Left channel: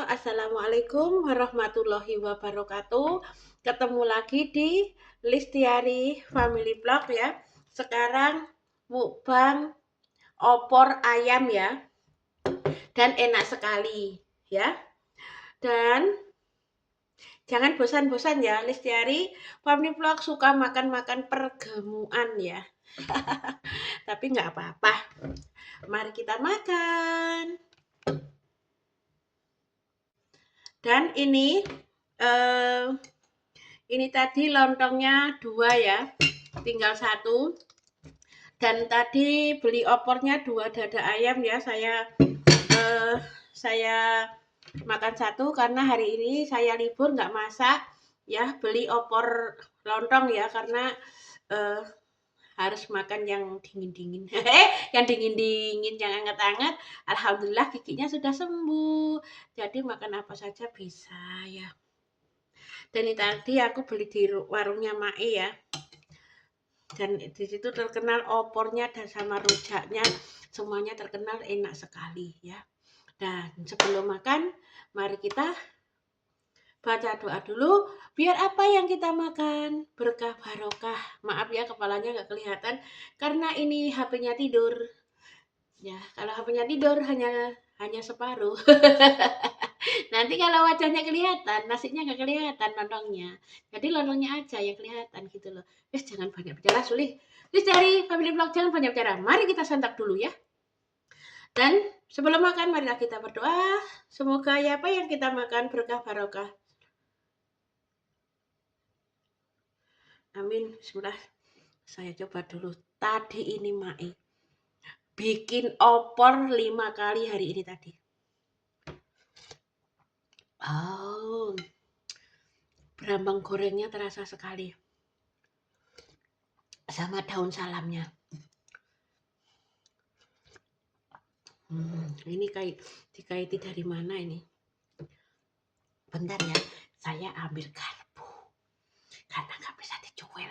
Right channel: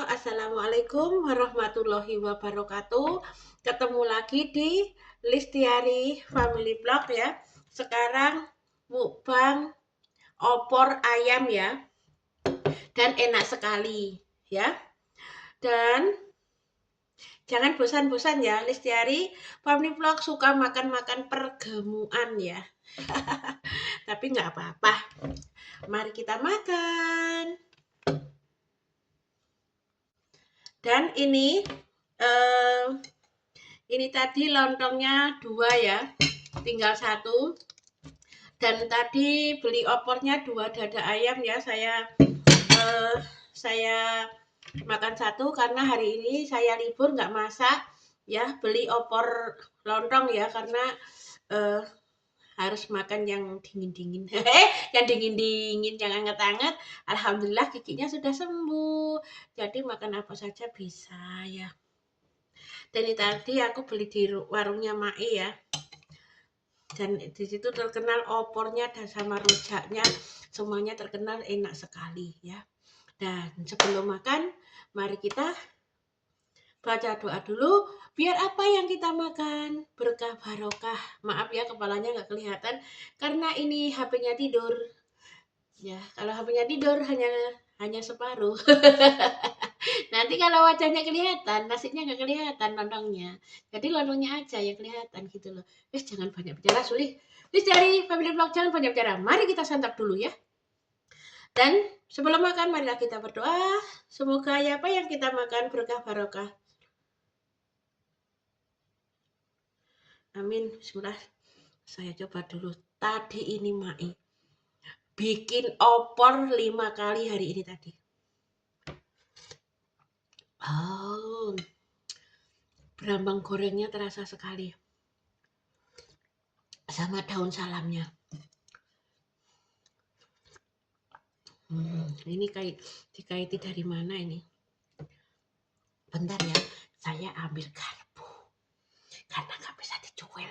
Assalamualaikum warahmatullahi wabarakatuh. Ketemu lagi di Listiari Family Vlog ya. Sekarang mukbang opor ayam ya. Dan enak sekali ya. Dan jangan bosan-bosan ya, Listiari Family Vlog suka makan-makan pergemuan ya. Tapi nggak apa-apa. Mari kita makan. Dan eh, ini tadi lontongnya 2 ya, tinggal 1. Dan tadi beli opornya 2 dada ayam ya, saya makan 1 karena hari ini saya libur nggak masak ya, beli opor lontong ya karena eh, harus makan yang dingin-dingin. Yang dingin-dingin, yang hangat-hangat. Alhamdulillah giginya sudah sembuh. Jadi makan apa saja bisa ya. Dan ini tadi aku beli di warungnya Mae ya. Dan di situ terkenal opornya dan sama rujaknya, semuanya terkenal enak sekali ya. Dan sebelum makan, mari kita baca doa dulu. Biar apa yang kita makan berkah barokah. Maaf ya kepalanya nggak kelihatan karena ini HP-nya tidur. Ya, kalau HP-nya tidur hanya separuh. Nanti kalau wajahnya kelihatan, nasinya nggak kelihatan lontongnya. Jadi lontongnya aja yang kelihatan gitu loh. Jangan banyak bicara, Sulih. Dari Family Vlog jangan banyak bicara. Mari kita santap dulu ya. Dan sebelum makan, marilah kita berdoa. Semoga apa yang kita makan berkah barokah. Amin. Bismillah. Saya coba dulu. Tadi ini Mae bikin opor 5 kali hari ini tadi. Oh, berambang gorengnya terasa sekali. Sama daun salamnya. Ini dikaiti dari mana ini? Bentar ya, saya ambil garpu. Karena nggak bisa dicuil.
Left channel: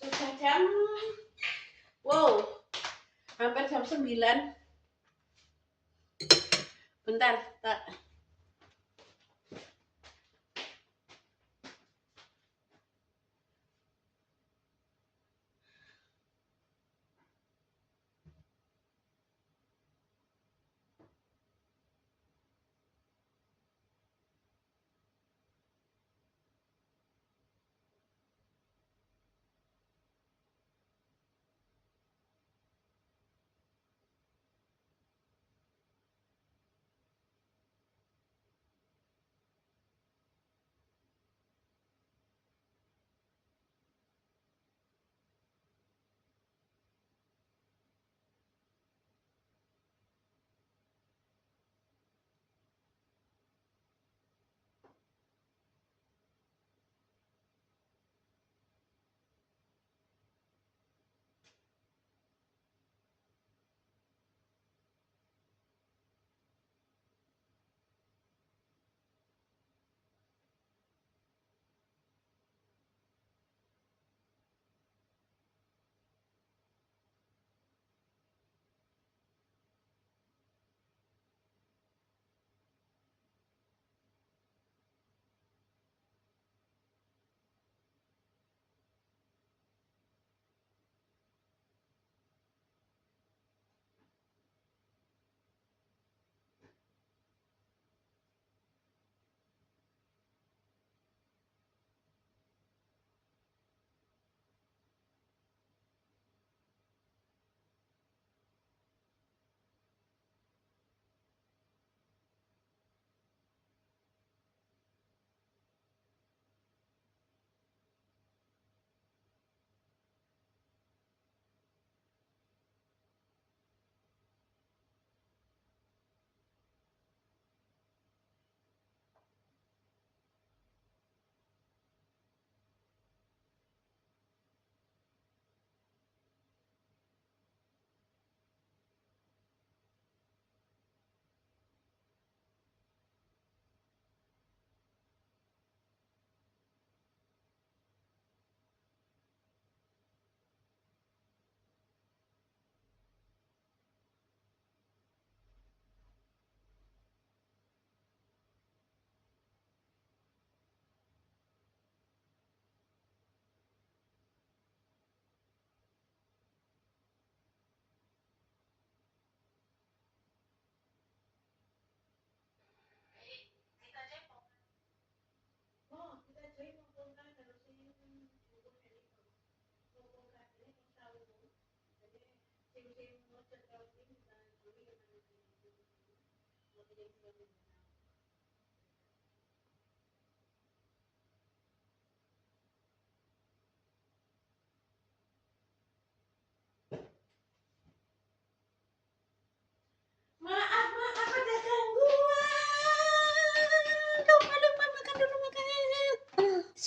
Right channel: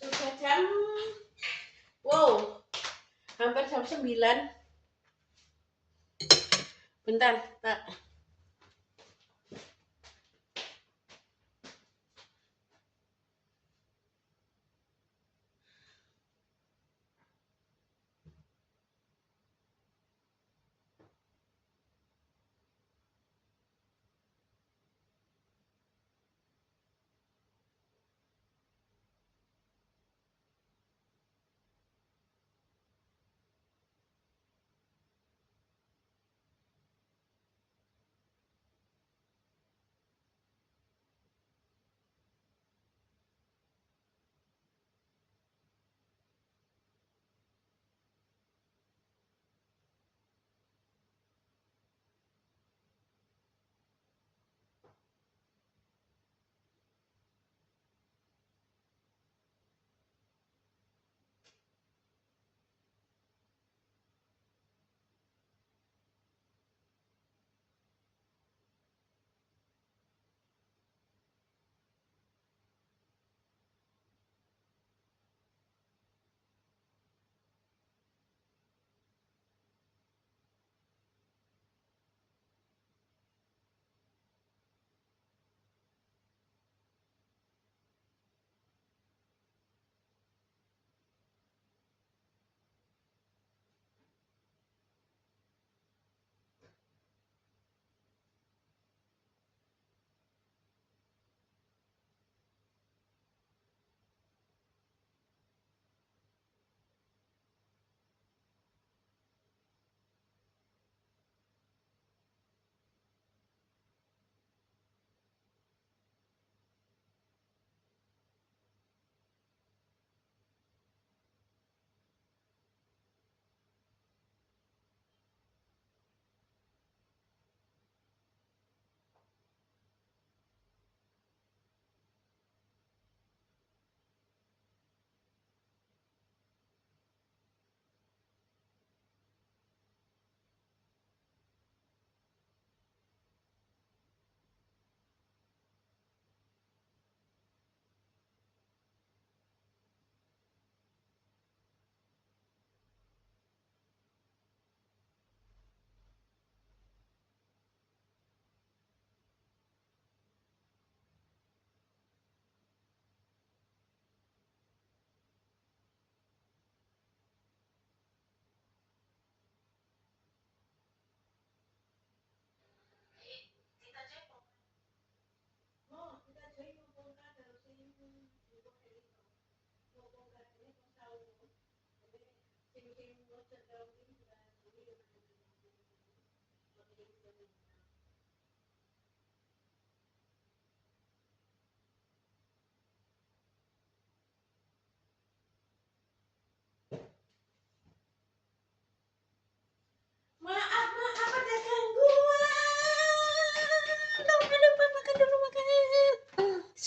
Sudah hampir jam 9. Bentar, tak.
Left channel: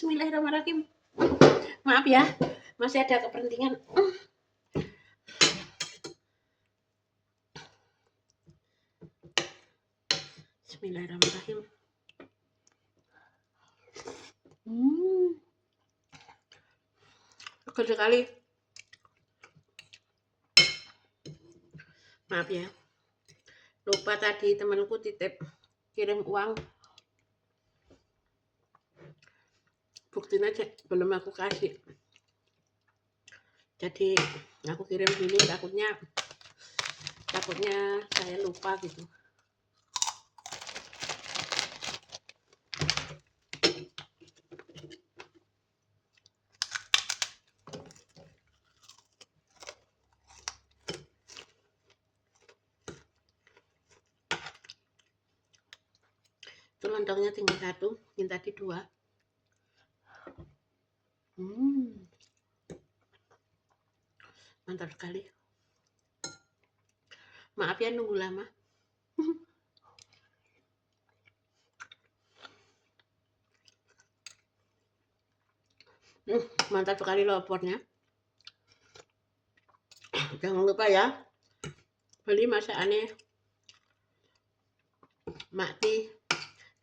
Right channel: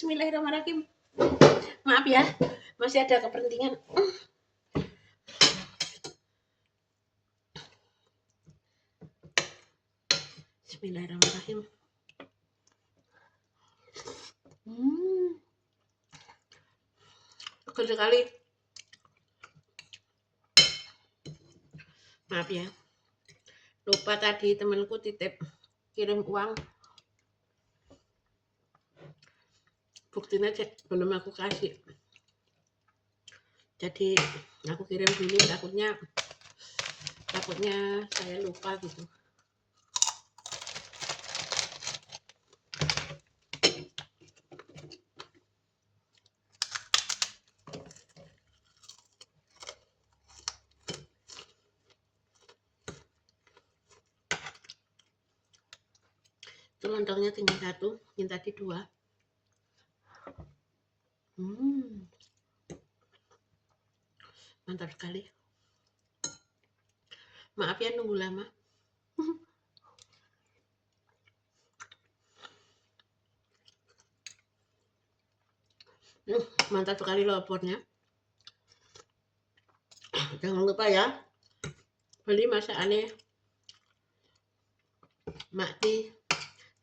Bismillahirrahmanirrahim. Maaf ya, masih ada kepentingan. Bismillahirrahmanirrahim. Seger sekali. Maaf ya. Lupa tadi temanku titip kirim uang. Buktinya belum aku kasih. Jadi aku kirim dulu, takutnya saya lupa gitu. Itu lontongnya tinggal 1, yang tadi 2. Mantap sekali. Maaf ya nunggu lama. Mantap sekali loh opornya. Jangan lupa ya, beli masakannya Makti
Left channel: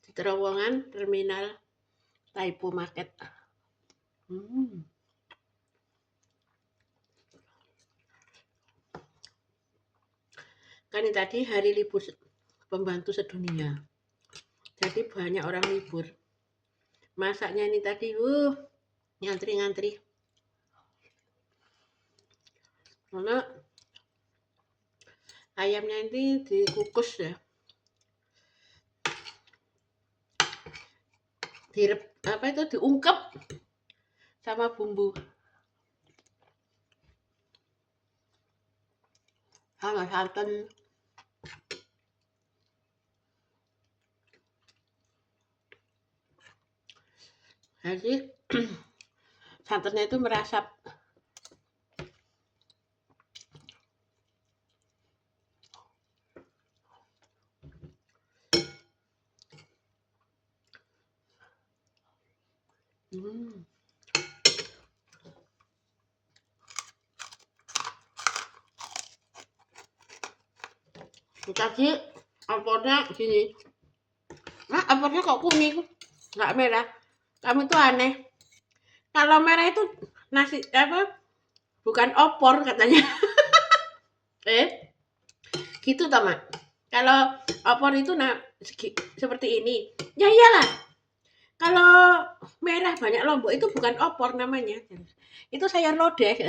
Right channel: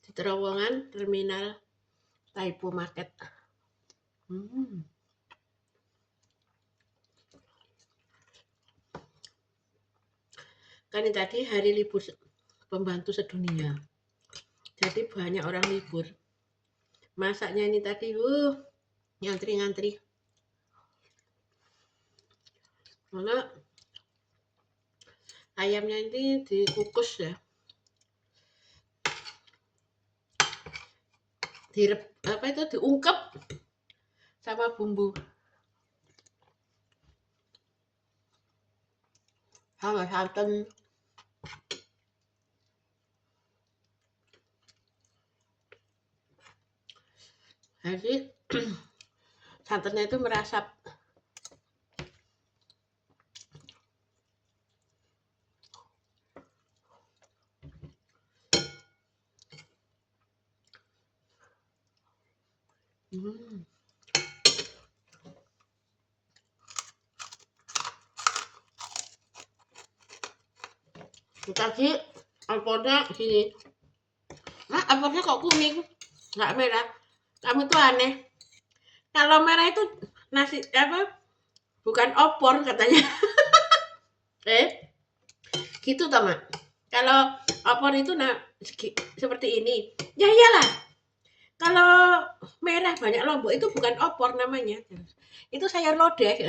di terowongan terminal Taipo Market. Kan ini tadi hari libur pembantu sedunia, jadi banyak orang libur. Masaknya ini tadi ngantri-ngantri, karena ayamnya ini dikukus ya, diungkep sama bumbu sama santan. Jadi santannya itu merasap. Tadi opornya gini, opornya kok kuning, nggak merah. Kamu tuh aneh. Kalau merah itu nasi bukan opor katanya. Gitu Tama. Kalau opor itu seperti ini. Ya iyalah. Kalau merah banyak lombok itu bukan opor namanya. Itu sayur lodeh.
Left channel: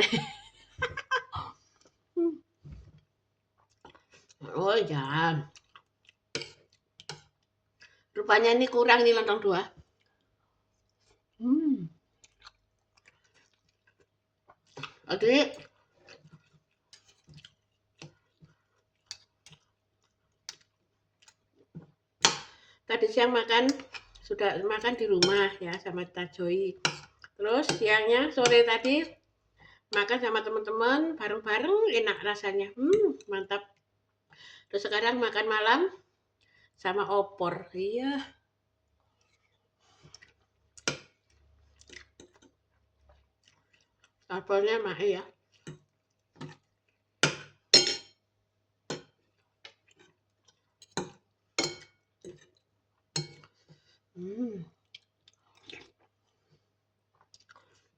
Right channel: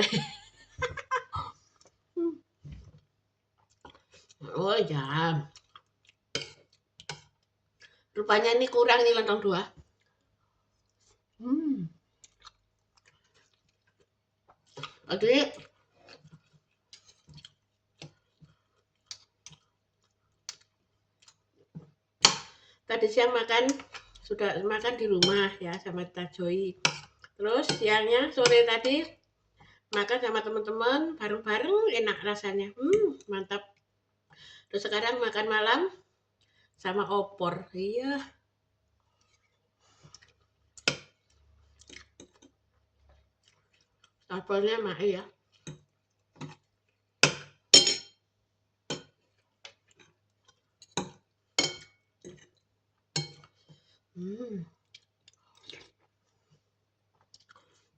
Oh ya. Rupanya ini kurang nih lontong 2. Oke. Tadi siang sudah makan di rumah ya sama Tajoi. Terus siangnya sore tadi makan sama teman-teman bareng-bareng, enak rasanya. Mantap. Terus sekarang makan malam sama opor. Iya. Opornya mah ya.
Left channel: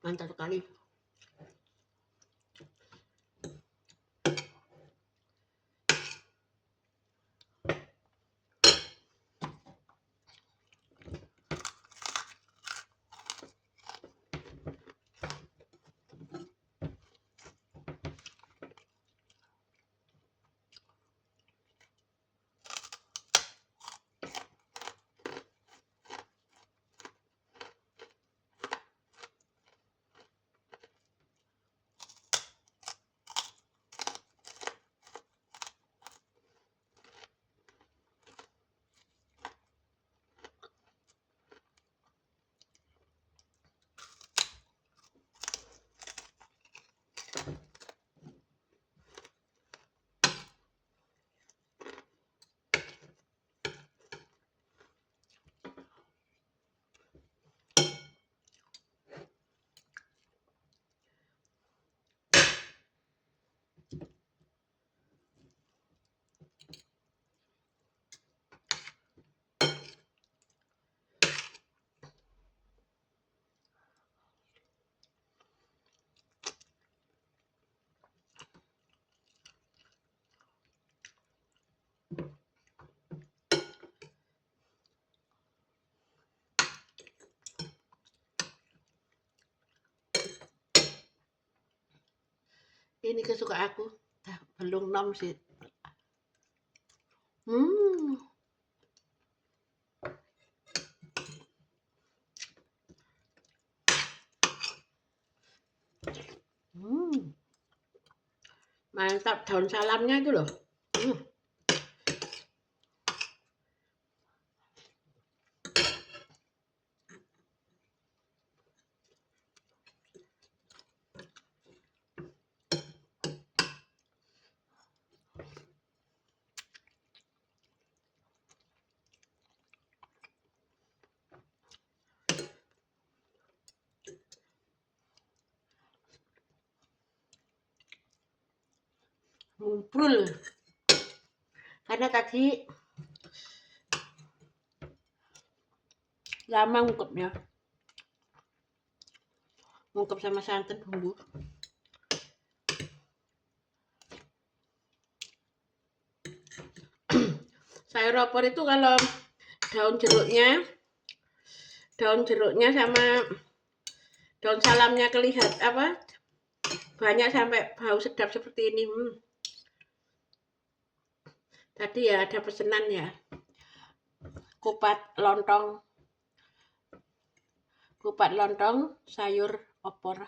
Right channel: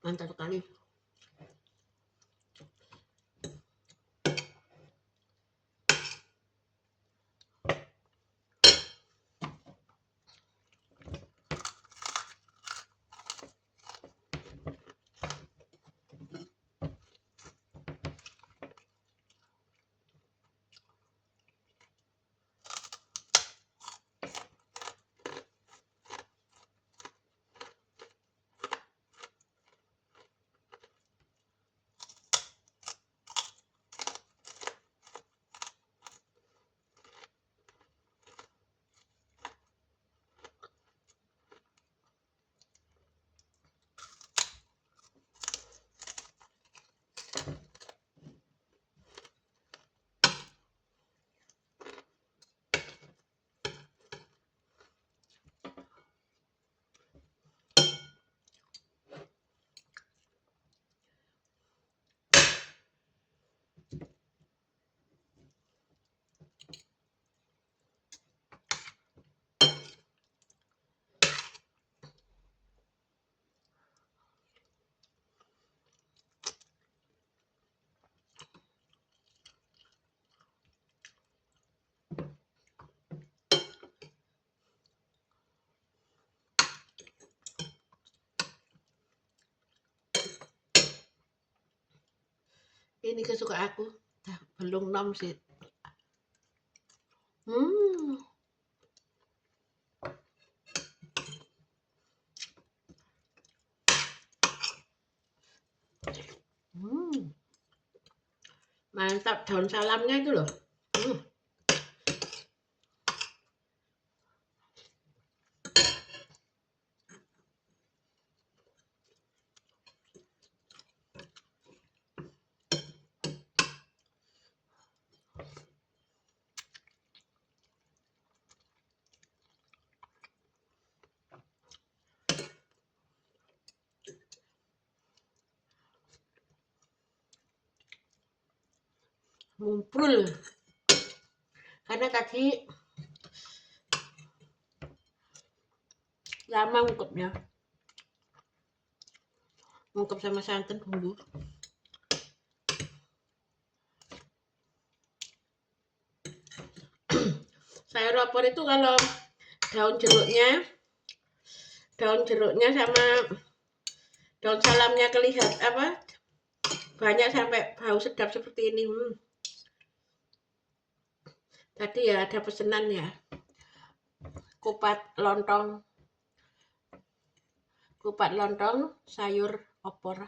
Mantap sekali. ke aku. Belum 6 sih. Hmm. Mantap daun salamnya itu loh. Ngumpul. Karena tadi lama ngungkepnya. Ngungkep sama santan bumbu. Sayur opor itu kalau daun jeruknya sama daun salamnya kelihatan banyak sampai bau sedap seperti ini. Tadi ya ada pesanan ya, kupat lontong sayur opor.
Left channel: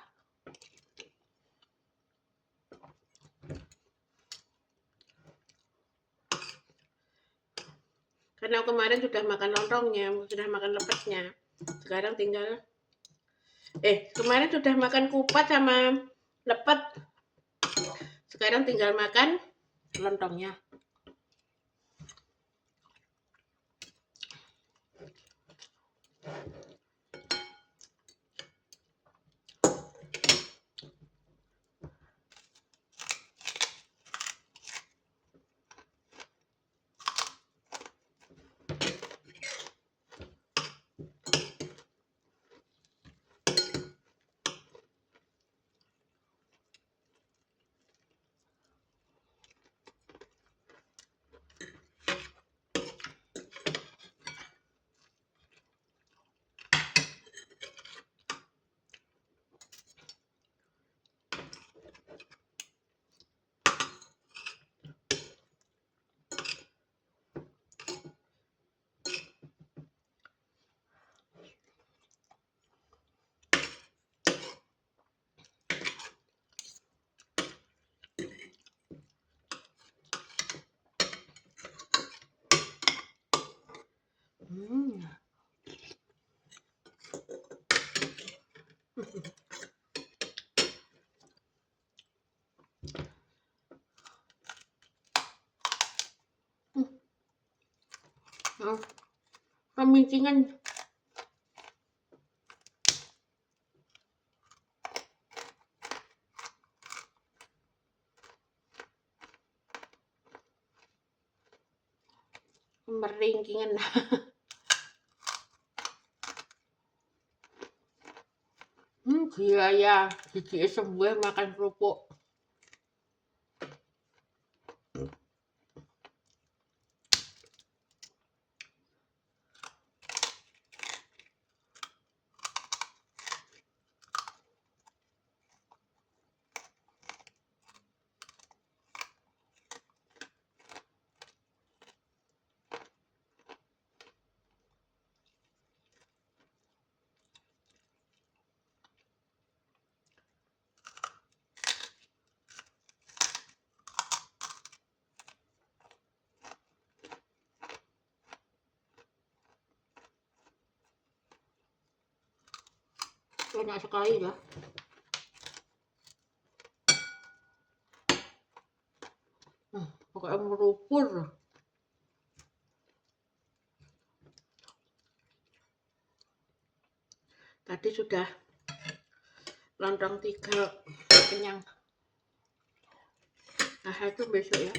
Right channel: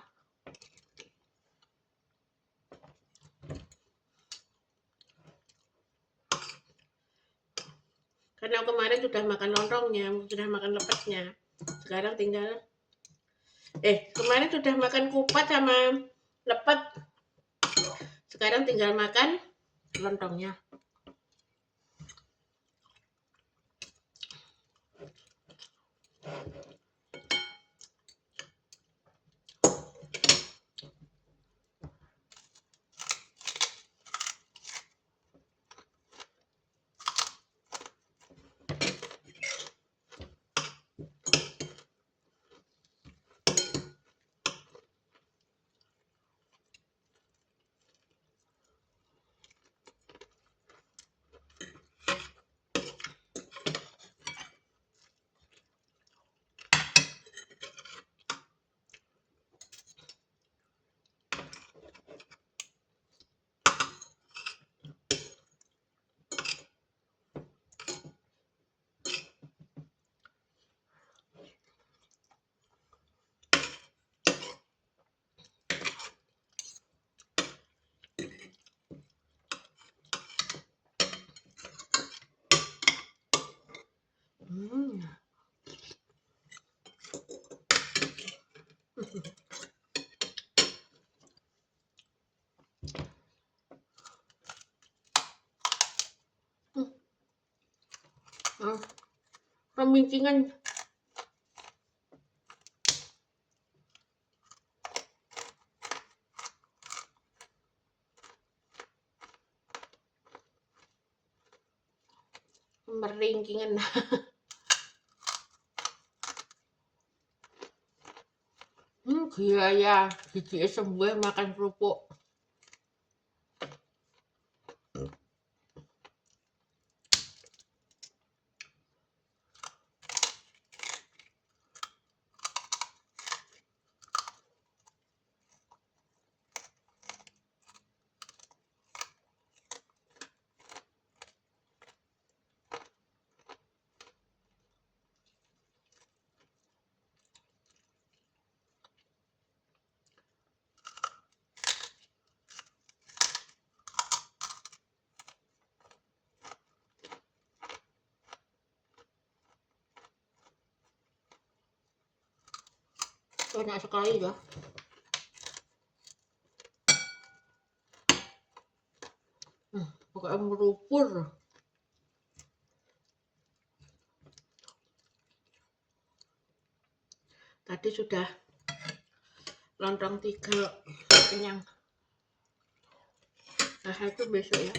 Karena kemarin sudah makan lontongnya, sudah makan lepetnya. Sekarang tinggal kemarin sudah makan kupat sama lepet. Sekarang tinggal makan lontongnya. Pemincingan. Meringkingan. Gila ya, gigi sembuh makan kerupuk. Enak sekali ya. Pokoknya merupur. Tadi sudah lontong 3 kenyang. Nah itu besok ya.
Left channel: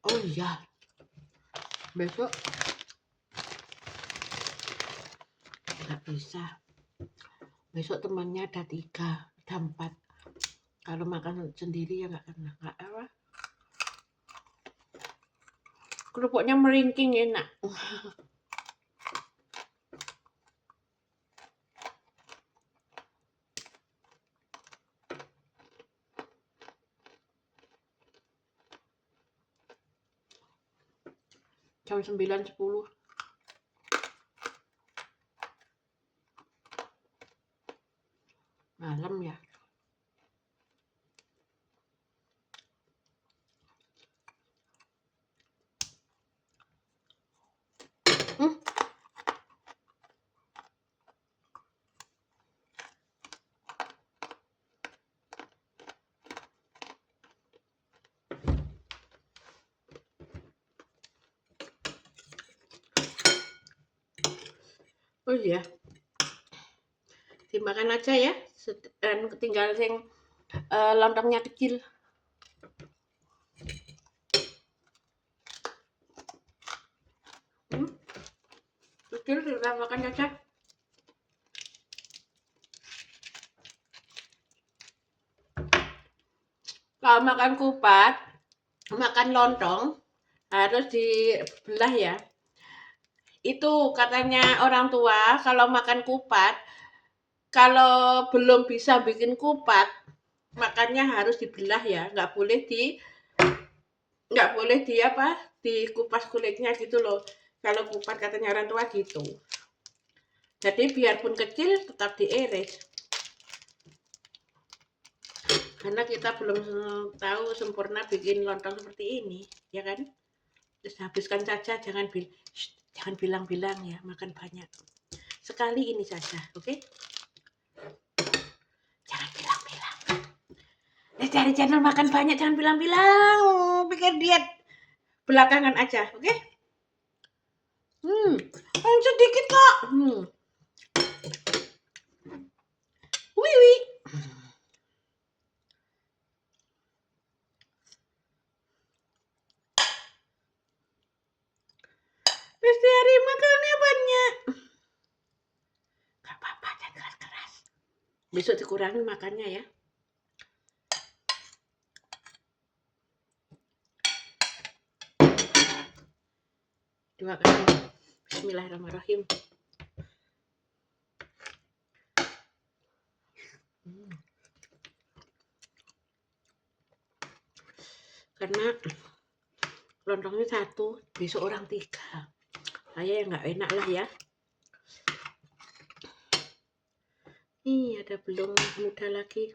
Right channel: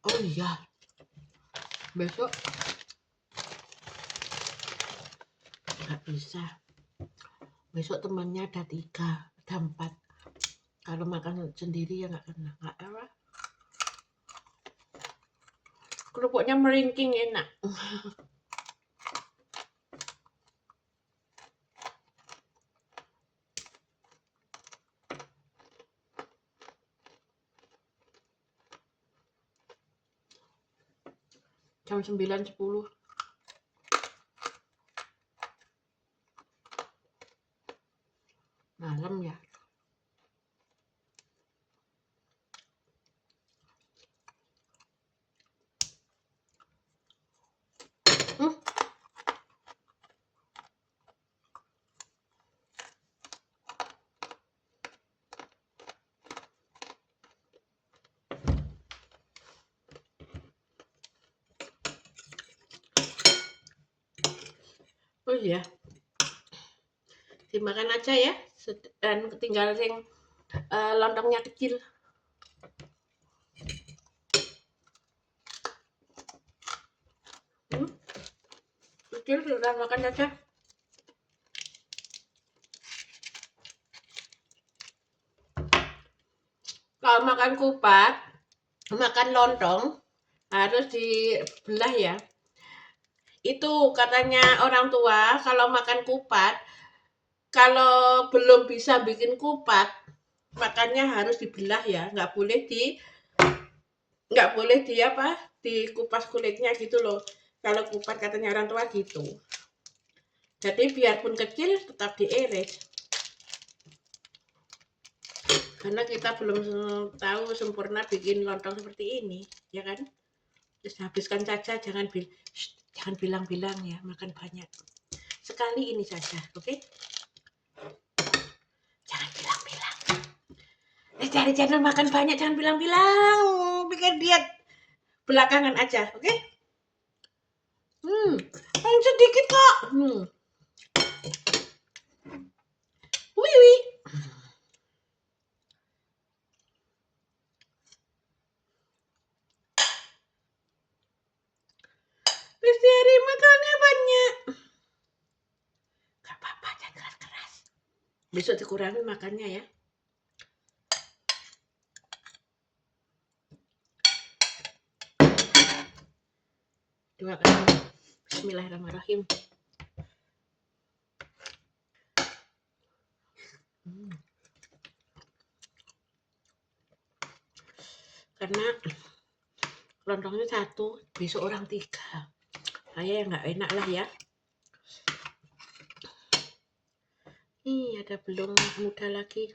Oh iya, besok nggak bisa. Besok temannya ada 3, ada 4. Kalau makan sendiri ya nggak kena. Kerupuknya meringking enak. jam 9.10 malam ya. Hmm. Oh iya, dimakan aja ya. Dan tinggal sing lontongnya kecil. Kecil sudah makan aja. Kalau makan kupat, makan lontong harus dibelah ya. Itu katanya orang tua kalau makan kupat, kalau belum bisa bikin kupat, makannya harus dibelah ya, nggak boleh di apa, dikupas kulitnya gitu loh. Kalau kupat katanya orang tua gitu. Jadi biarpun kecil tetap diiris. Karena kita belum tahu sempurna bikin lontong seperti ini, ya kan? Terus habiskan saja, jangan bilang-bilang ya, makan banyak. Sekali ini saja, oke? Jangan bilang-bilang. Cari channel makan banyak, jangan bilang-bilang. Pikir diet belakangan aja, oke? Paling sedikit kok. Wiwi. Lestari makannya banyak. Gak apa-apa, jangan keras-keras. Besok dikurangi makannya ya. Dua kali. Bismillahirrahmanirrahim. Karena lontongnya satu, besok orang 3. Saya yang nggak enak lah ya. Nih ada belum muda lagi.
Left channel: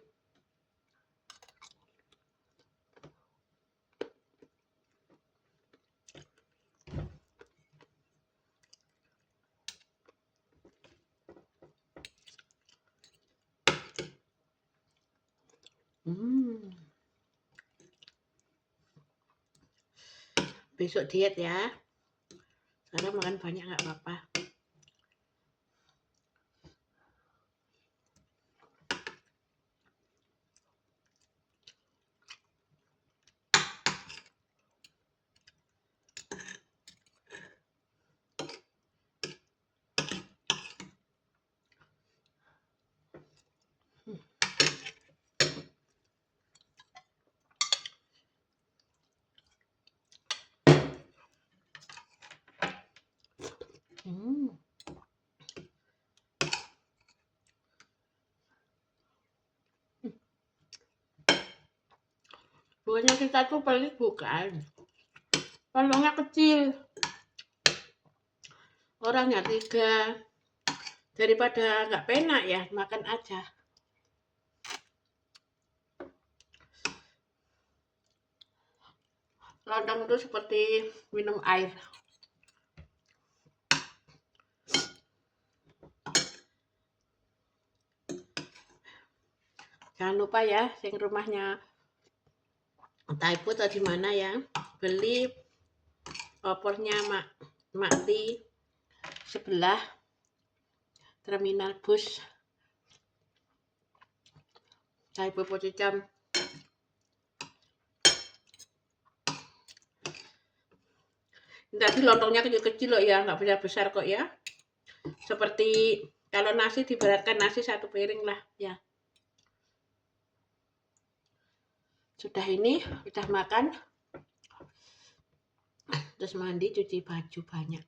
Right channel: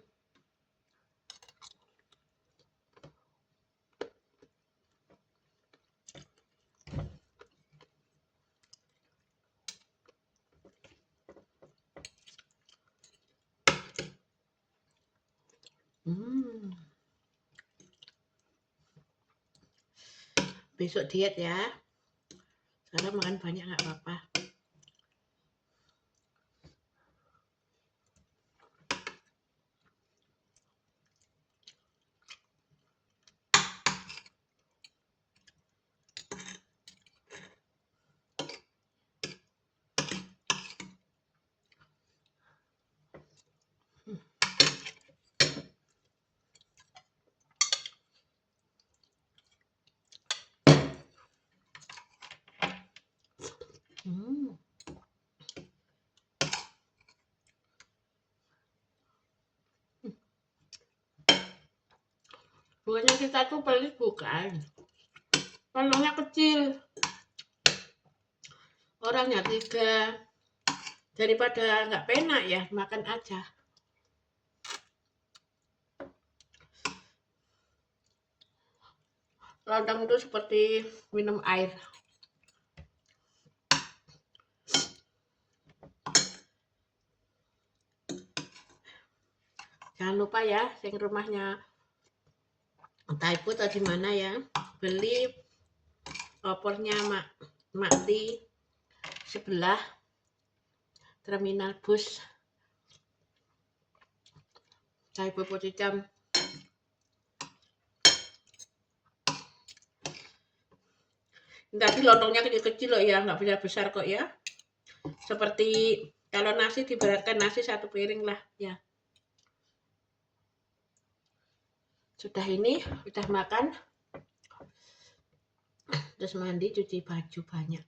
Besok diet ya. Sekarang makan banyak nggak apa-apa. Bukannya kita tuh pelit, bukan. Lontongnya kecil. Orangnya 3. Daripada nggak penak ya, makan aja. Lontong itu seperti minum air. Jangan lupa ya, yang rumahnya Taipu atau di mana ya, beli opornya Mak di sebelah terminal bus Taipu Poticam. Tapi lontongnya kecil-kecil loh ya, nggak besar-besar kok ya. Seperti kalau nasi diberatkan nasi 1 piring lah ya. Sudah ini, sudah makan. Terus mandi, cuci baju banyak.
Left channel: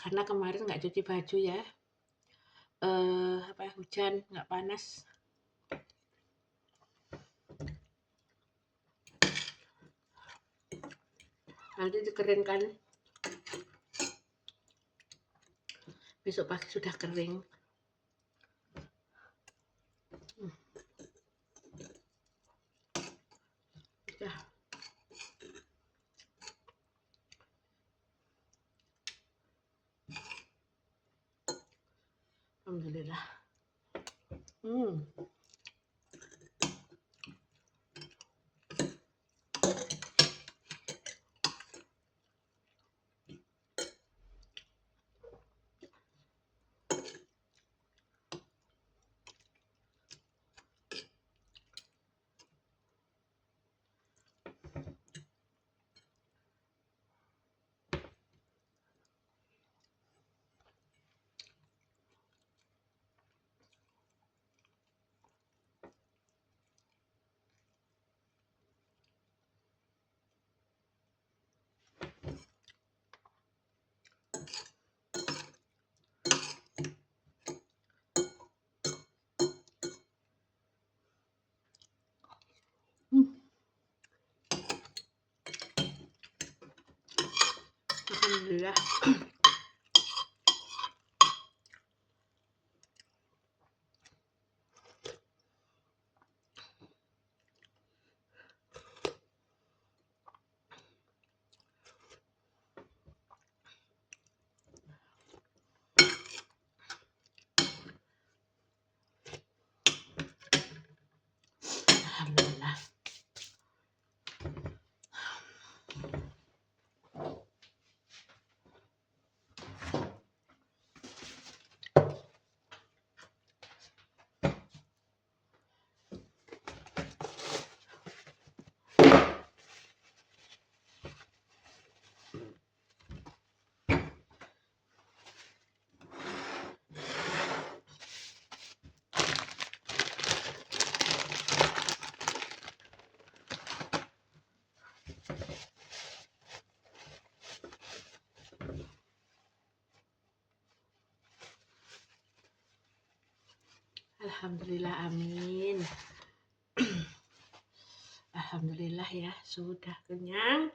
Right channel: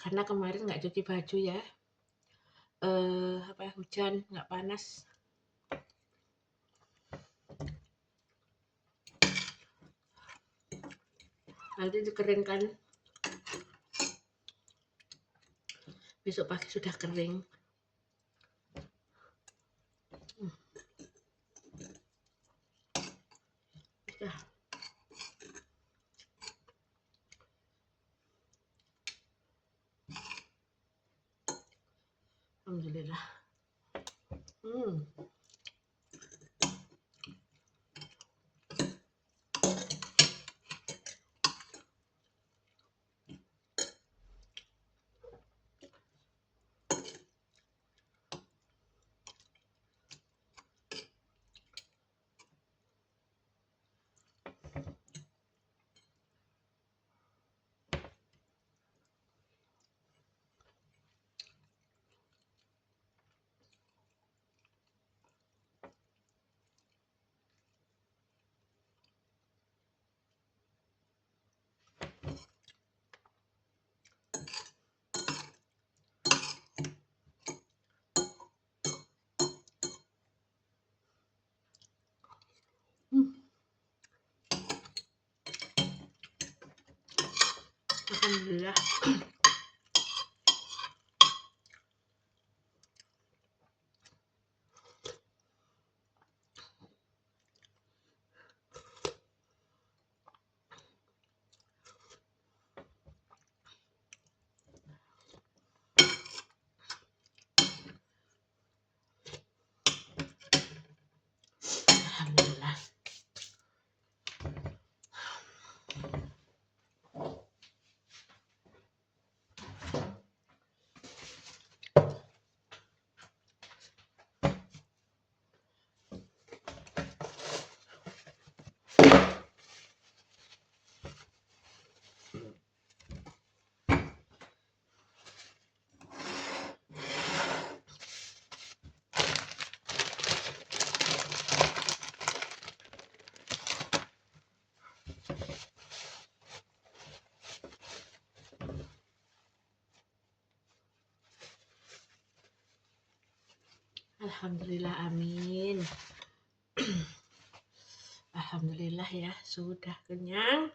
Karena kemarin nggak cuci baju ya. Hujan, nggak panas. Nanti dikeringkan besok pagi sudah kering. Ya. Alhamdulillah. Alhamdulillah. Alhamdulillah. Alhamdulillah, amin. Alhamdulillah ya, sudah kenyang.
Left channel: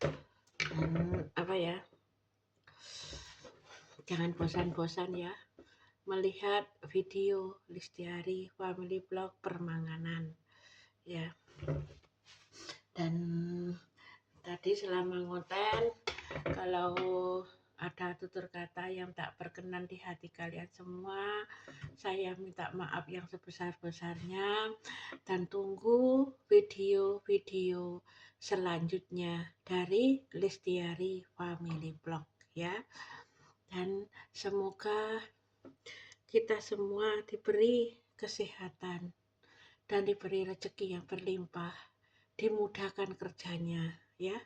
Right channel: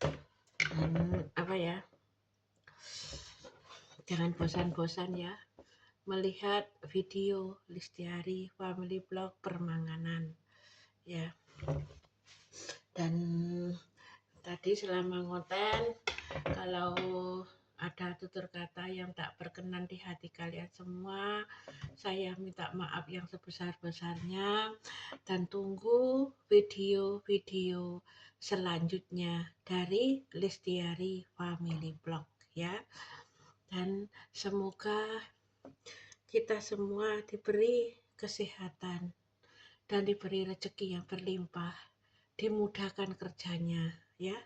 Dan apa ya? Jangan bosan-bosan ya melihat video Listiari Family Vlog Permanganan ya. Dan tadi selama ngonten, kalau ada tutur kata yang tak berkenan di hati kalian semua, saya minta maaf yang sebesar-besarnya dan tunggu video-video selanjutnya dari Listiari Family Vlog ya. Dan semoga kita semua diberi kesehatan dan diberi rezeki yang berlimpah, dimudahkan kerjanya ya.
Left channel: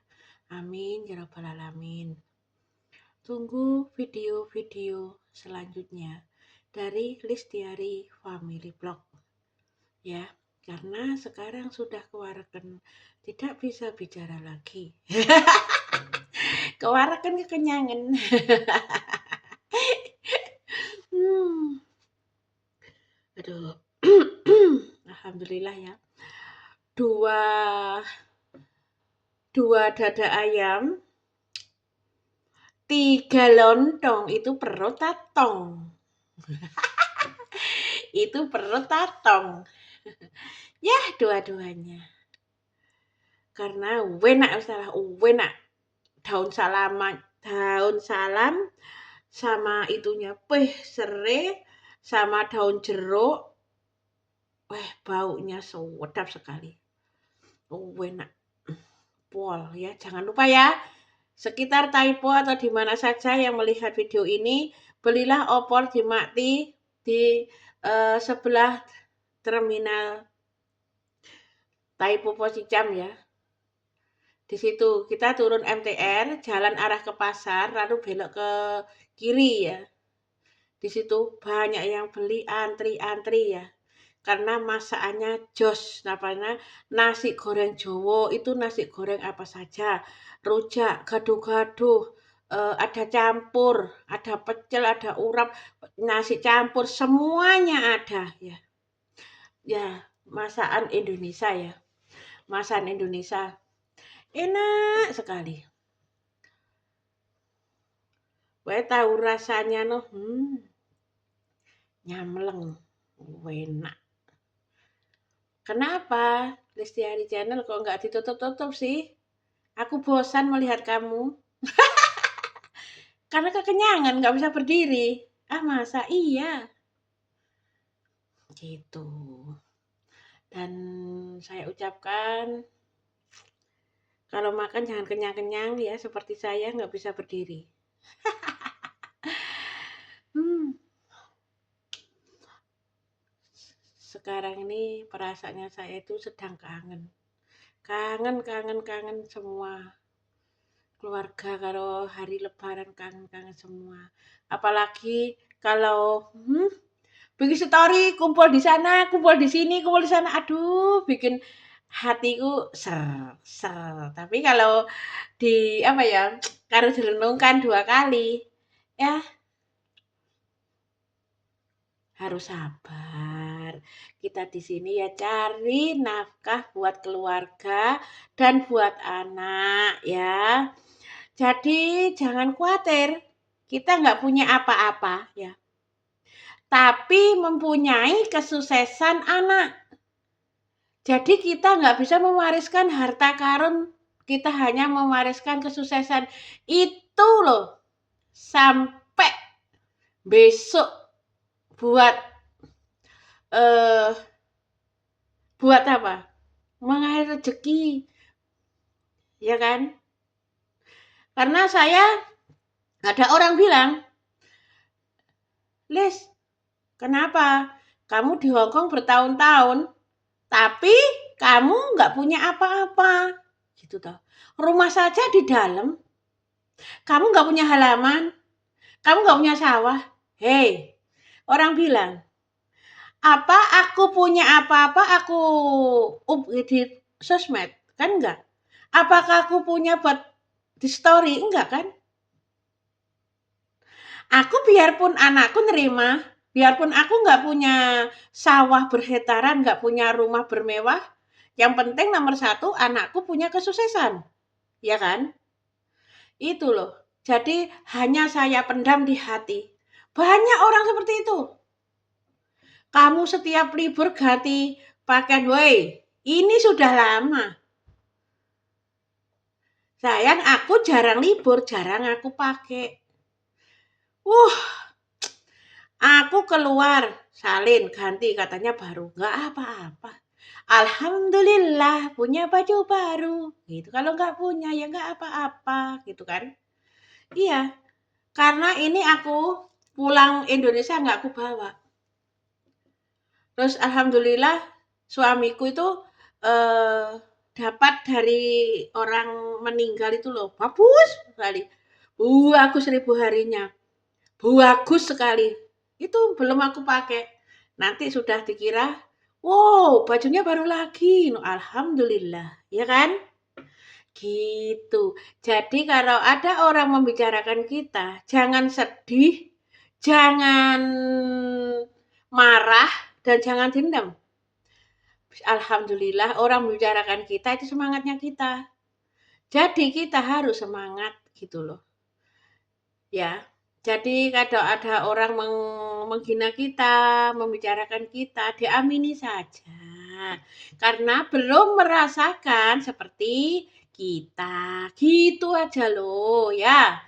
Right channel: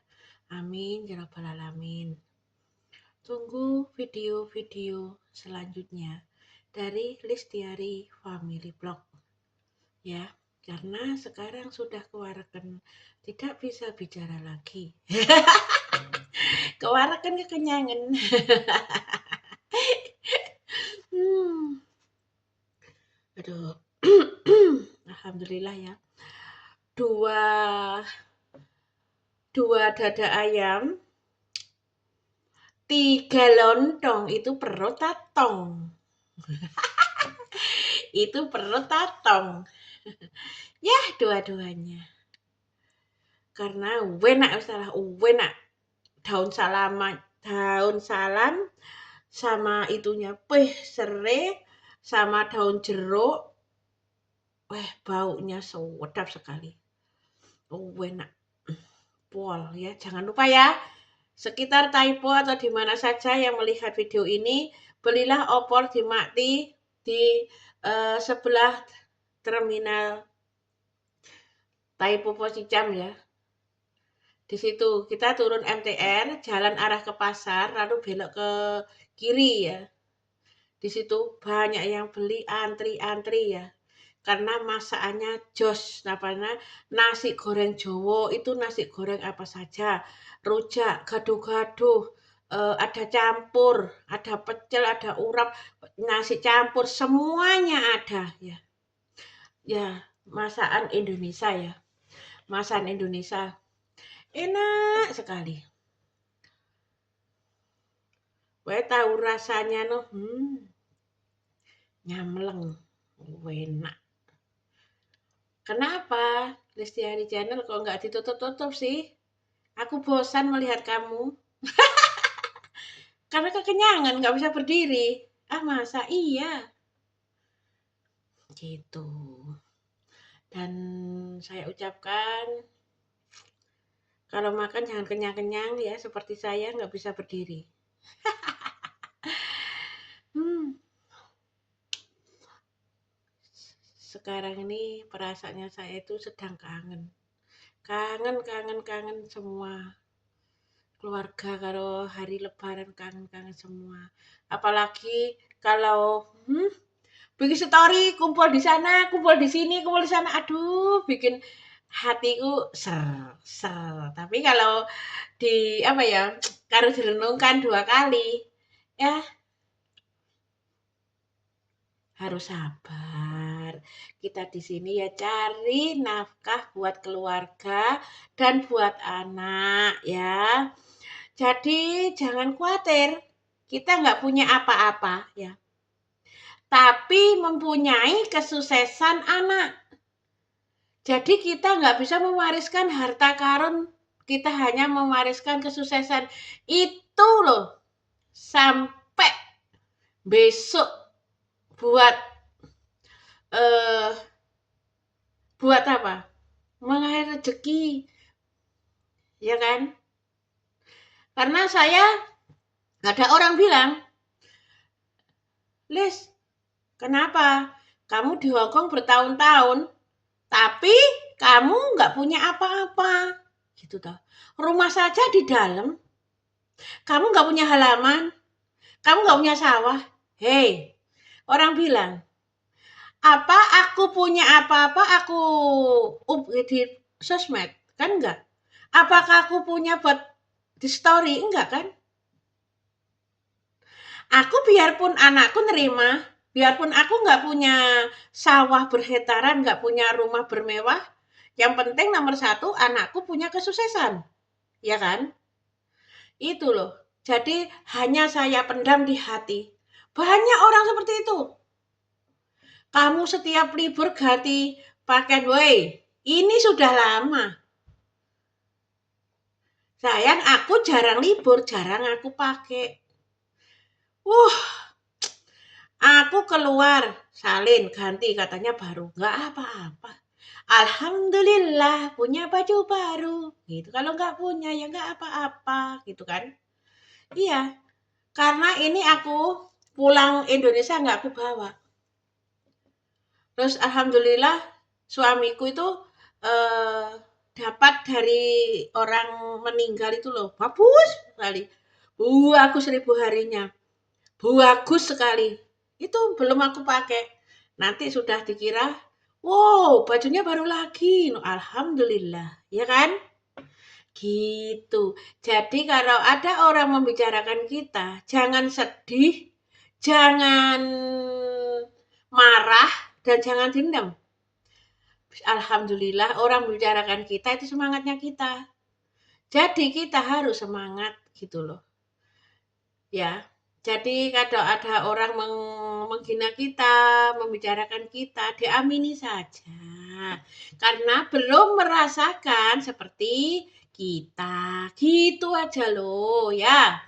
Amin ya rabbal alamin. Tunggu video-video selanjutnya dari Listiari Family Vlog ya, karena sekarang sudah kewareken, tidak bisa bicara lagi. Kewareken kekenyangan. Aduh. Alhamdulillah ya. Dua dada ayam, 3 lontong, itu perut tatong. Itu perut tatong. Ya, dua-duanya. Karena enak daun salam sama itunya serai sama daun jeruk. Baunya sedap sekali. Enak. Pol ya, jangan lupa ya. Sekitar Taipo atau di mana saja yang melihat video ini, belilah opor di Makti di sebelah terminal Taipo Posicam ya. Di situ kita turun MTR, jalan arah ke pasar, lalu belok ke kiri ya. Di situ banyak yang beli, antri ya. Karena masakannya jos, namanya nasi goreng Jowo, itu nasi goreng apa saja, rujak, gaduh-gaduh, ada campur, ada pecel, ada urap, nasi campur, semuanya ada ya. Ya, masakan Indonesia ya. Masakan Indonesia enak sekali. Kowe tahu rasanya no, nyamleng, enak. Kenapa Lestiari Channel kok nggak ditutup-tutup sih? Aku bosan melihat kamu. Karena kekenyangan nggak bisa berdiri. Ah masa iya? Gitu. Dan saya ucapkan kalau makan jangan kenyang-kenyang ya, seperti saya nggak bisa berdiri. Sekarang ini perasaannya saya itu sedang kangen. Kangen semua. Keluarga kalau hari lebaran kangen semua. Apalagi kalau bikin story, kumpul di sana, kumpul di sini, kumpul di sana. Aduh, bikin hatiku ser. Tapi kalau harus direnungkan 2 kali, ya harus sabar. Kita di sini ya cari nafkah buat keluarga dan buat anak ya. Jadi jangan khawatir, kita nggak punya apa-apa ya. Tapi mempunyai kesuksesan anak. Jadi kita nggak bisa mewariskan harta karun, kita hanya mewariskan kesuksesan. Itu loh, sampai besok buat apa? Mengalir rezeki, ya kan? Karena saya ada orang bilang, Lis, kenapa kamu di Hongkong bertahun-tahun, tapi kamu nggak punya apa-apa, gitu toh. Rumah saja di dalam, kamu nggak punya halaman, kamu nggak punya sawah. Hei, orang bilang, apa aku punya apa-apa aku di sosmed? Kan enggak. Apakah aku punya buat di story? Enggak kan? Aku biarpun anakku nerima, biarpun aku nggak punya sawah berhektaran, nggak punya rumah bermewah, yang penting nomor 1 anakku punya kesuksesan, ya kan? Itu loh. Jadi hanya saya pendam di hati. Banyak orang seperti itu. Kamu setiap libur ganti pakaian, woi, ini sudah lama. Sayang, aku jarang libur, jarang aku pakai. Aku keluar, salin, ganti, katanya baru. Nggak apa-apa. Alhamdulillah punya baju baru. Gitu. Kalau nggak punya ya nggak apa-apa. Gitu kan. Iya. Karena ini aku pulang Indonesia nggak aku bawa. Terus alhamdulillah suamiku itu dapat dari orang meninggal itu loh. Bagus sekali. Aku 1000 harinya. Bagus sekali. Itu belum aku pakai. Nanti sudah dikira, wow, bajunya baru lagi. Alhamdulillah, ya kan? Gitu. Jadi kalau ada orang membicarakan kita, jangan sedih, jangan marah, dan jangan dendam. Alhamdulillah orang membicarakan kita itu semangatnya kita. Jadi kita harus semangat gitu loh. Ya. Jadi kalau ada orang menghina kita, membicarakan kita, diamini saja. Karena belum merasakan seperti kita. Gitu aja loh ya.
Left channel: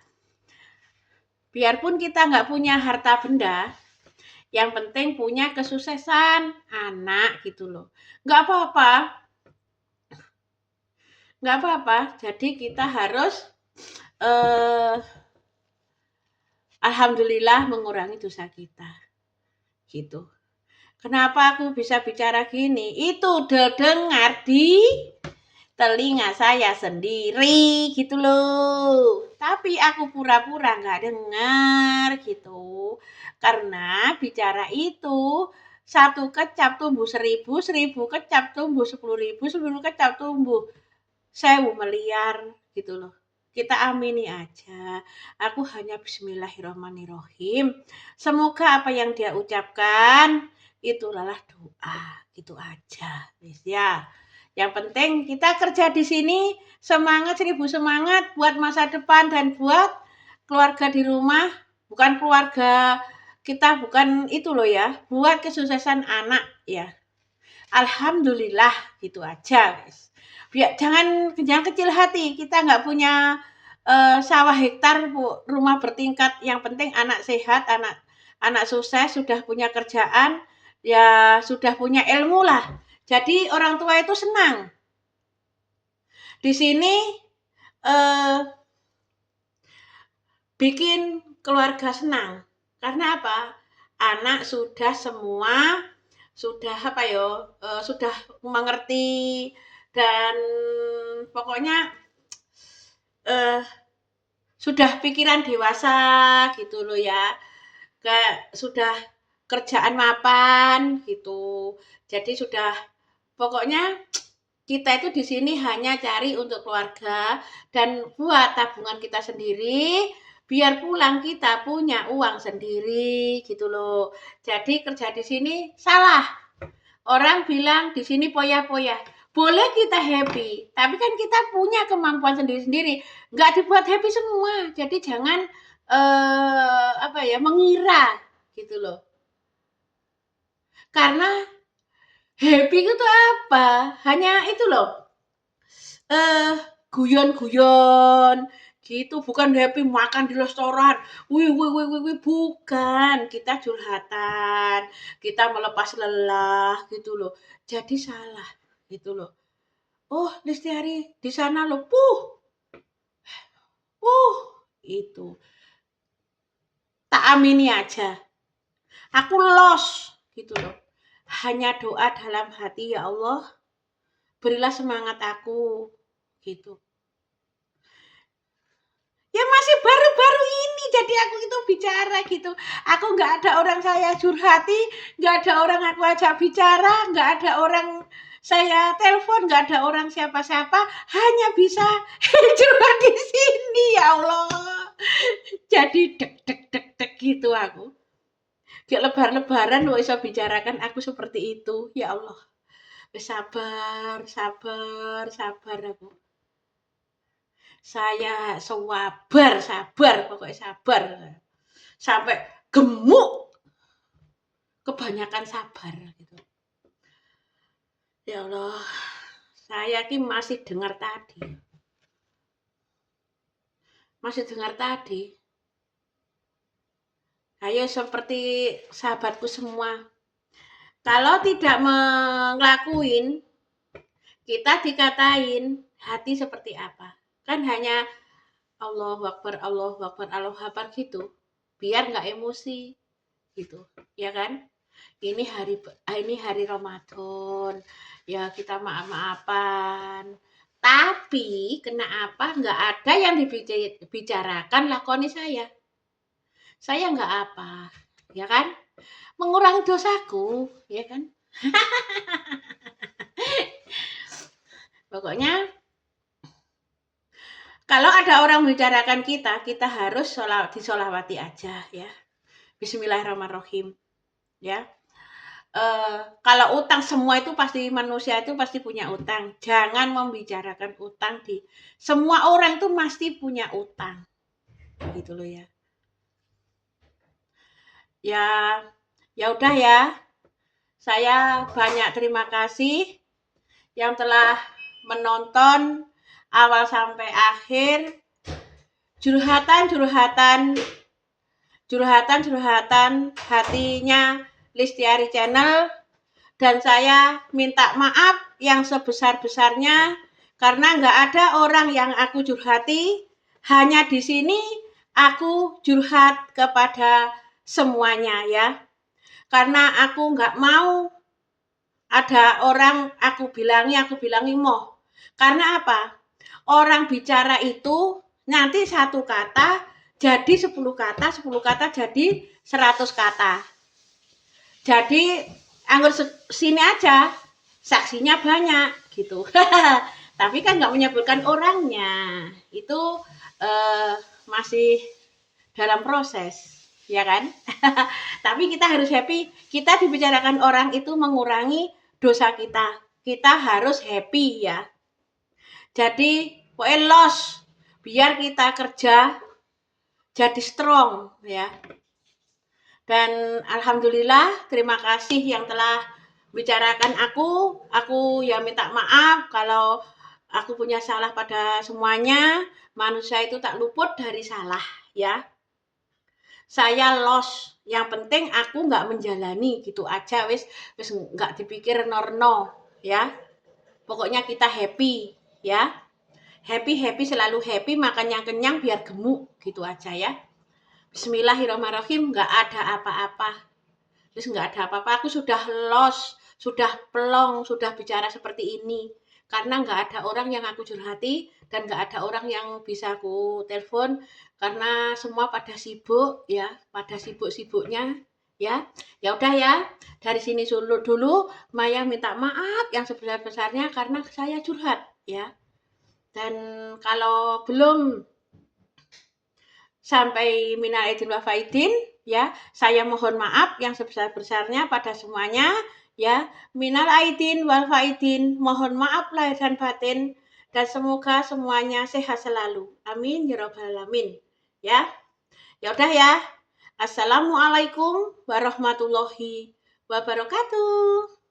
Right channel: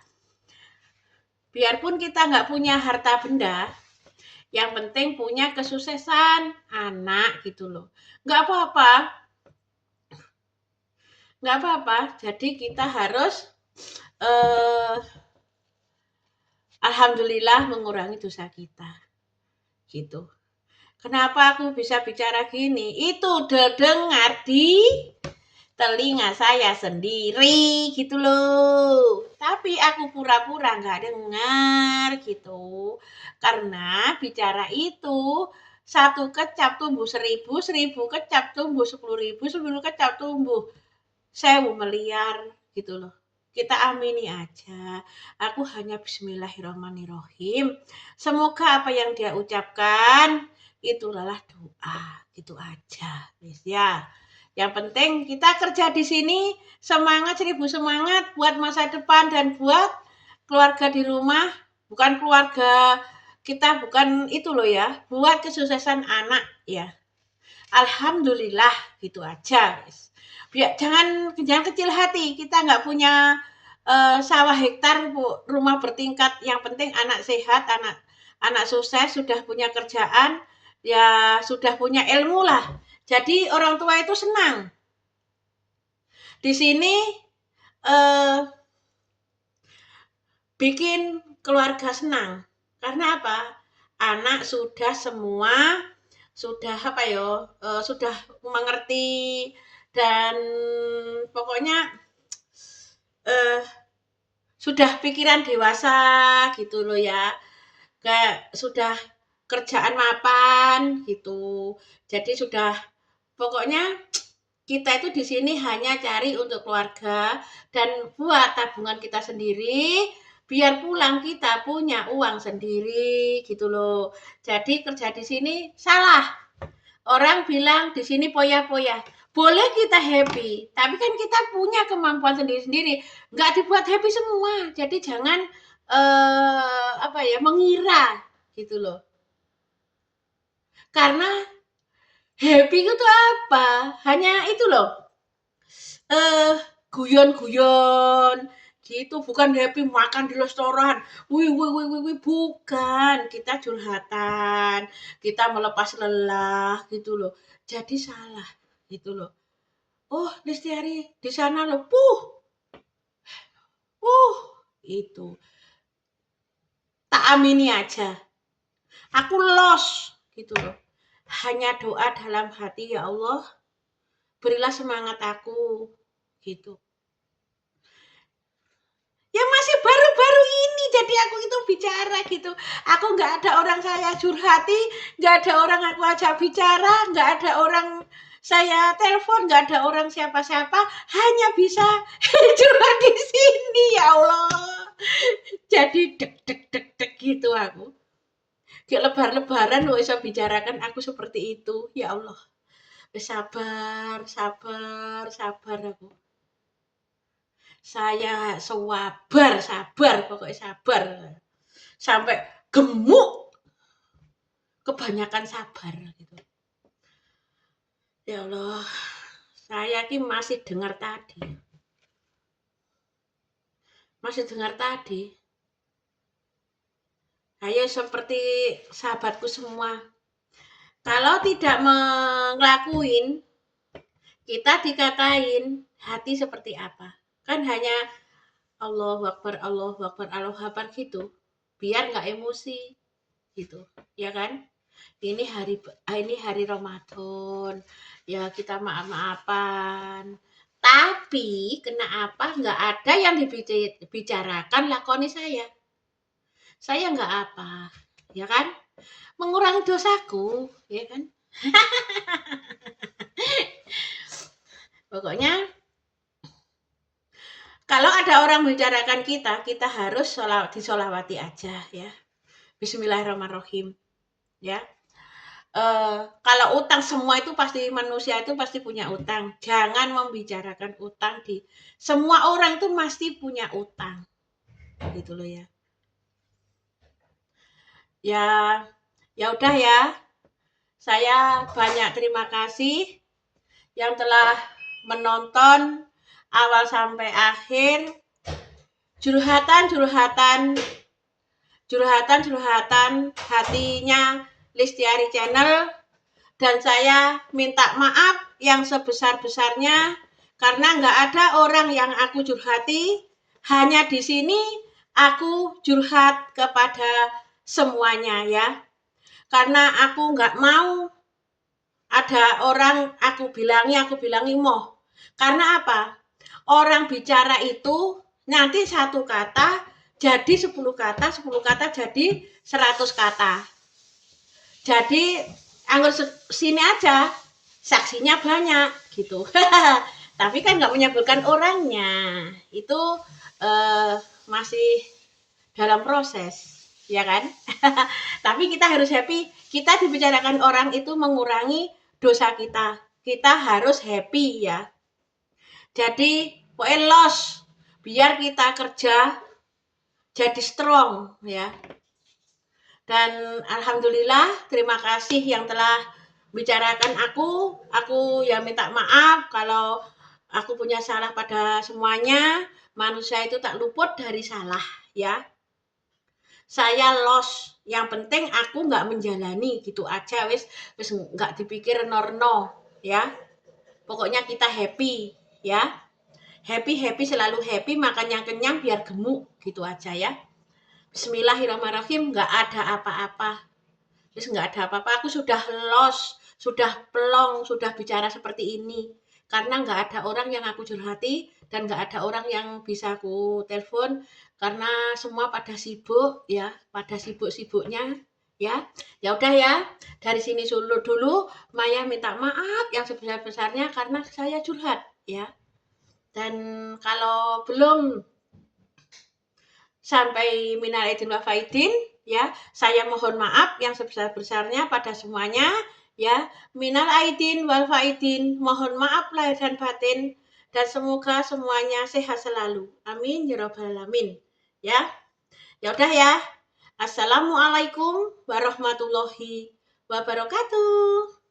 Biarpun kita nggak punya harta benda, yang penting punya kesuksesan anak gitu loh. Nggak apa-apa. Nggak apa-apa. Jadi kita harus alhamdulillah mengurangi dosa kita. Gitu. Kenapa aku bisa bicara gini? Itu udah dengar di telinga saya sendiri gitu loh. Tapi aku pura-pura nggak dengar gitu. Karena bicara itu 1 kecap tumbuh 1000, 1000 kecap tumbuh 10.000, 10 kecap tumbuh 1000 miliar gitu loh. Kita amini aja. Aku hanya bismillahirrahmanirrahim. Semoga apa yang dia ucapkan itu adalah doa. Gitu aja. Ya. Yang penting kita kerja di sini semangat 1000 semangat buat masa depan dan buat keluarga di rumah, bukan keluarga kita, bukan itu loh ya, buat kesuksesan anak ya. Alhamdulillah, gitu aja guys. Jangan kecil hati, kita nggak punya sawah hektar, rumah bertingkat, yang penting anak sehat, anak sukses, sudah punya kerjaan, ya sudah punya ilmu lah. Jadi orang tua itu senang. Di sini bikin keluarga senang. Karena apa? Anak sudah semua sudah sudah mengerti, dan pokoknya sudah pikiran dewasa gitu loh ya. Kayak sudah kerjaan mapan gitu. Jadi sudah, pokoknya kita itu di sini hanya cari untuk keluarga dan buat tabungan kita sendiri, biar pulang kita punya uang sendiri gitu loh. Jadi kerja di sini salah. Orang bilang di sini poya-poya. Boleh kita happy, tapi kan kita punya kemampuan sendiri-sendiri. Nggak dibuat happy semua. Jadi jangan mengira gitu loh. Karena happy itu apa? Hanya itu loh. Guyon-guyon gitu, bukan happy makan di restoran. Wih, bukan. Kita curhatan, kita melepas lelah gitu loh. Jadi salah gitu loh. Oh, Listiari di sana loh. Itu. Tak amini aja. Aku lost gitu loh. Hanya doa dalam hati, ya Allah, berilah semangat aku gitu. Ya masih baru-baru ini jadi aku itu bicara gitu. Aku nggak ada orang saya curhati, nggak ada orang aku ajak bicara, nggak ada orang saya telepon, nggak ada orang siapa-siapa, hanya bisa curhat di sini, ya Allah. Jadi dek gitu aku. Kayak lebar-lebaran loh bisa bicarakan aku seperti itu, ya Allah. Sabar aku. Saya sabar, pokoknya sabar. Sampai gemuk. Kebanyakan sabar gitu. Ya Allah, saya ini masih dengar tadi. Ayo seperti sahabatku semua. Kalau tidak ngelakuin, kita dikatain hati seperti apa. Kan hanya Allahu Akbar, Allahu Akbar, Allahu Akbar gitu. Biar nggak emosi gitu, ya kan? Ini hari Ramadan. Ya kita maaf-maafan. Tapi kenapa nggak ada yang dibicarakan lakoni saya? Saya nggak apa, ya kan? Mengurangi dosaku, ya kan? Pokoknya kalau ada orang membicarakan kita harus disolawati aja ya. Bismillahirrahmanirrahim. Ya. Kalau utang, semua itu pasti, manusia itu pasti punya utang. Jangan membicarakan utang semua orang tuh pasti punya utang. Gitu loh ya. Ya udah ya. Saya banyak terima kasih yang telah menonton awal sampai akhir. Curhatan hatinya Listiari Channel, dan saya minta maaf yang sebesar-besarnya karena nggak ada orang yang aku curhati. Hanya di sini aku curhat kepada semuanya ya, karena aku nggak mau ada orang aku bilangi moh. Karena apa? Orang bicara itu nanti satu kata jadi 10 kata, 10 kata jadi 100 kata. Jadi anggur sini aja saksinya banyak gitu. Tapi kan nggak menyebutkan orangnya. Itu masih dalam proses, ya kan? Tapi kita harus happy. Kita dibicarakan orang itu mengurangi dosa kita. Kita harus happy ya. Jadi pokoknya biar kita kerja jadi strong ya. Dan alhamdulillah terima kasih yang telah bicarakan aku ya minta maaf kalau aku punya salah pada semuanya. Manusia itu tak luput dari salah ya. Saya lost, yang penting aku nggak menjalani gitu aja, wis nggak dipikir norno ya. Pokoknya kita happy ya, happy selalu happy, makan yang kenyang biar gemuk gitu aja ya. Bismillahirrahmanirrahim, nggak ada apa-apa. Terus nggak ada apa-apa, aku sudah lost, sudah plong, sudah bicara seperti ini. Karena nggak ada orang yang aku curhati dan nggak ada orang yang bisa aku telepon karena semua pada sibuk ya, pada sibuk-sibuknya ya. Ya udah ya, dari sini dulu Maya minta maaf yang sebesar-besarnya karena saya curhat ya. Dan kalau belum sampai minal aidin wal faidin ya, saya mohon maaf yang sebesar-besarnya pada semuanya ya. Minal aidin wal faidin, mohon maaf lahir dan batin, dan semoga semuanya sehat selalu. Amin ya rabbal alamin. Ya. Ya udah ya. Assalamualaikum warahmatullahi wabarakatuh.